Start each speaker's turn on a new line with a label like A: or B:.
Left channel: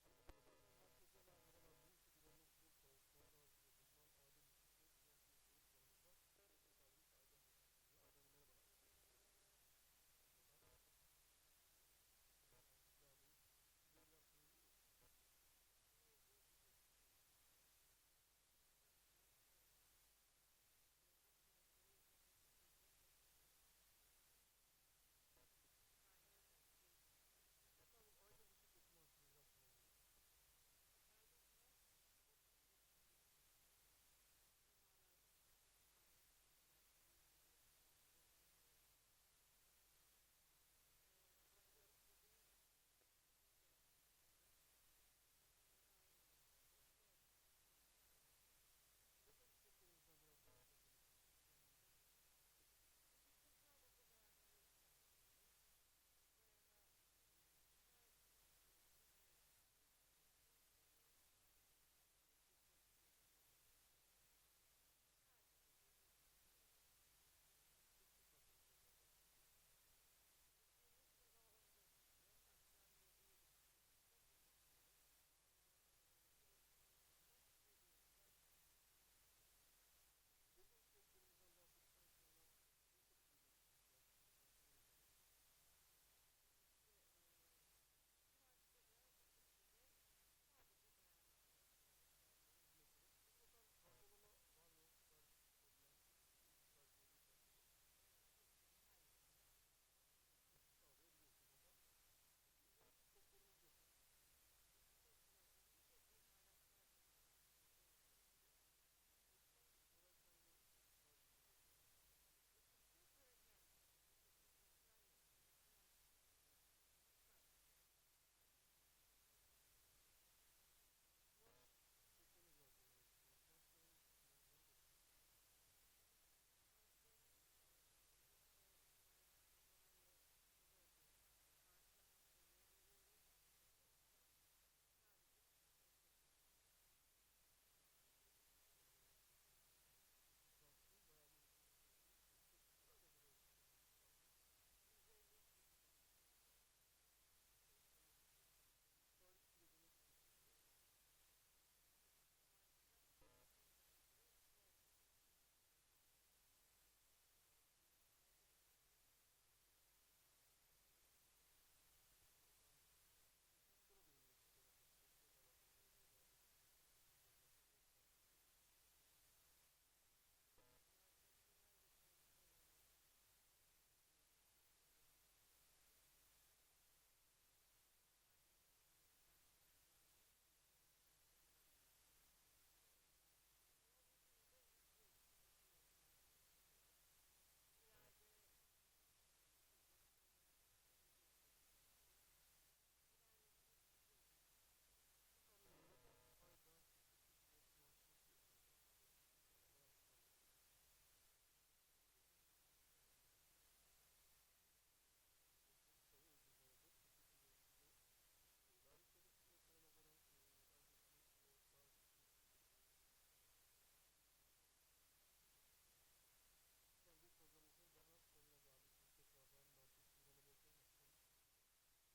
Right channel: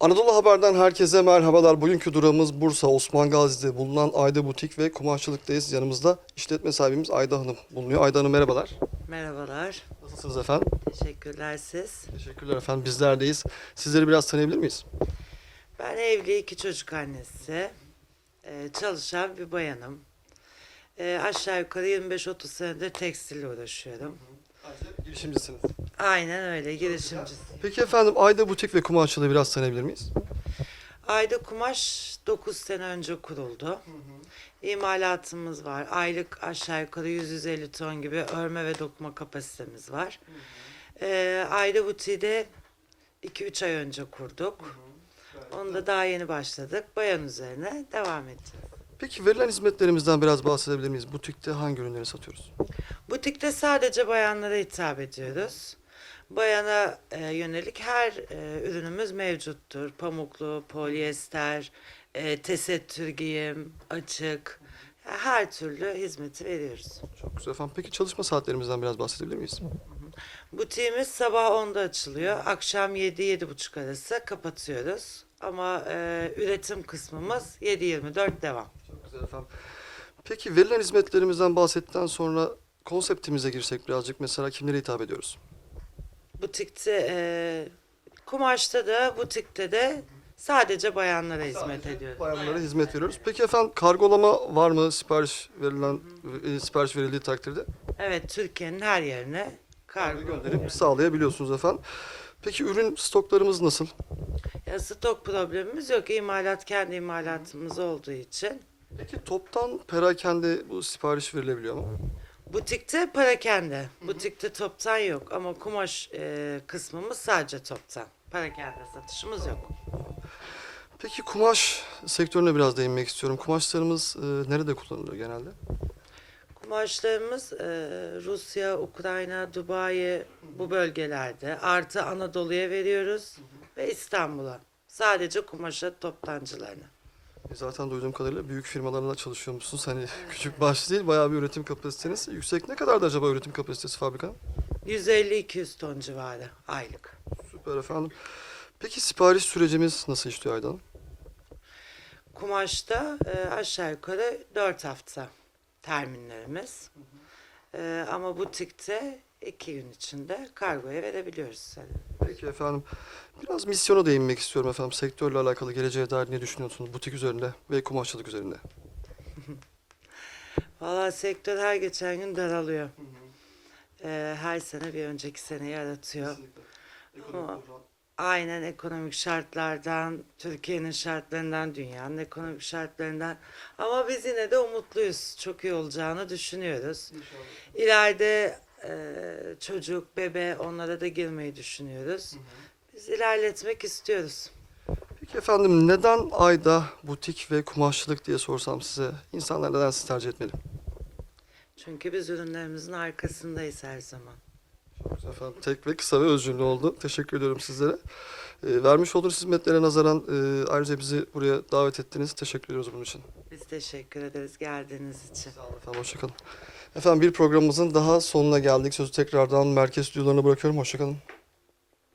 A: Anadolu Haber'den herkese merhabalar. Bugünkü durağımız Bursa Osman Gazi'de bulunan Ayda Butik ve Kumaşçılık'tayız. Yanımızda işletme sahibimiz Ayda Hanım bulunuyor. Ayda Hanım merhabalar.
B: Merhabalar,
A: Nasılsınız efendim?
B: teşekkürler siz.
A: Teşekkürler efendim. Bizlerdeyiz. Sizleri biraz tanıyabilir miyiz?
B: Ben evli iki çocuk annesi, Ee, çalışan bir bayanım. Ee, aşağı yukarı 25-30 senedir tekstille uğraşıyorum.
A: Girişimcisiniz.
B: Aynen öyle, girişimcisi.
A: Peki efendim Ayda Butik ve Kumaşçılığı biraz tanıyabilir miyiz?
B: Ayda Kumaş 9 sene önce kuruldu. İmalatımız var. Aylık aşağı yukarı 100-150 ton gibi örme ve dokuma kapasitemiz var. Ee, Ayda Butiği de 2-3 ay önce kurduk. Onda daha yeni başladık. Bayan üzerine devam edeceğiz.
A: Peki verilen hizmetlerimizden biraz bahsedebilir miyiz? Butikte hangi ürünleri satıyoruz?
B: Butikte sadece bayanlara hitap ediyoruz. Bayana e, yönelik her e, ürünümüz mevcuttur. Pamuklu, polyester, e, tesettür giyim, açık. Her türlü hizmeti veriyoruz.
A: Çok güzel efendim. Peki çalışma saatlerimizden biraz bahsedebilir miyiz?
B: Butiğimiz sabah 10'da açılıyor. Akşam 7-7.30 arası kapatıyoruz. Ama e, üretim kısmımız 7-24 devam.
A: Çok güzel efendim. Peki verilen hizmetlerimizden bahsettikten sonra konseptimize girsek birazcık mesela kimlere hitap ediyoruz?
B: Butikte, e, kumaşta da, butikte de sadece bayanlara hizmet ediyoruz.
A: Bayanlara hizmet veriyoruz. Peki efendim kargolama var mı sipariş verilen e, sipariş verildiği takdirde?
B: Evet, Türkiye'nin her yerine kargo
A: Gönderip sağlayabiliyorsunuz efendim. Peki ürün stoklarımız nasıl?
B: Ya stok problemimiz yok. İmalat kendi imalatımız olduğu için.
A: Peki toptan perakende bu sipariş verilebiliyor mu?
B: Butikte parakende. Butikte toptan yok ama kumaş e, kısmımız sadece toptan. Parakende satışımız yok.
A: Peki kumaş sektörüne biraz değinmek istiyorum. Kumaşlarımız e, nerede kullanılıyor genelde?
B: Kumaşlarımız e, Rusya, Ukrayna, Dubai bu bölgelerde. Artı Anadolu'ya veriyoruz ve İstanbul'a. Sadece kumaşa toptancılarına.
A: Zaten duyduğum kadarıyla büyük firmalarla çalışıyormuşsunuz. Hani küçük başlı değil, bayağı bir üretim kapasiteniz. Yüksek ne kadardı acaba üretim kapasitesi fabrikanın?
B: 150-200 ton civarı aylık.
A: Süper efendim. Peki sipariş sürecimiz nasıl işliyor Aydan? Hanım?
B: Kumaşta e, aşağı yukarı 4 hafta terminlerimiz. E, ama butikte 2 gün içinde kargoya verebiliyoruz.
A: Peki efendim. Biraz misyona değinmek istiyorum efendim. Sektörle alakalı geleceğe dair ne düşünüyorsunuz? Butik üzerinde ve kumaşçılık üzerinde.
B: Valla sektör her geçen gün daralıyor. E, her sene bir önceki seneyi aratıyor. Ama aynen ekonomik şartlardan, Türkiye'nin şartlarından, dünyanın ekonomik şartlarından. Ama biz yine de umutluyuz. Çok iyi olacağını düşünüyoruz. İleride e, çocuk, bebe onlara da girmeyi düşünüyoruz. Biz ilerletmek istiyoruz.
A: Peki efendim neden ayda butik ve kumaşçılık diye sorsam size insanlar neden sizi tercih etmeli?
B: Çünkü biz ürünlerimizin arkasındayız her zaman.
A: Efendim. Tek ve kısa ve öz cümle oldu. Teşekkür ediyorum sizlere. Ee, vermiş olduğunuz hizmetlere nazaran e, ayrıca bizi buraya davet ettiniz. Teşekkür ediyoruz bunun için.
B: Biz teşekkür ederiz geldiğiniz için.
A: Sağ olun efendim. Hoşçakalın. Efendim bir programımızın daha sonuna geldik. Sözü tekrardan merkez stüdyolarına bırakıyorum. Hoşçakalın.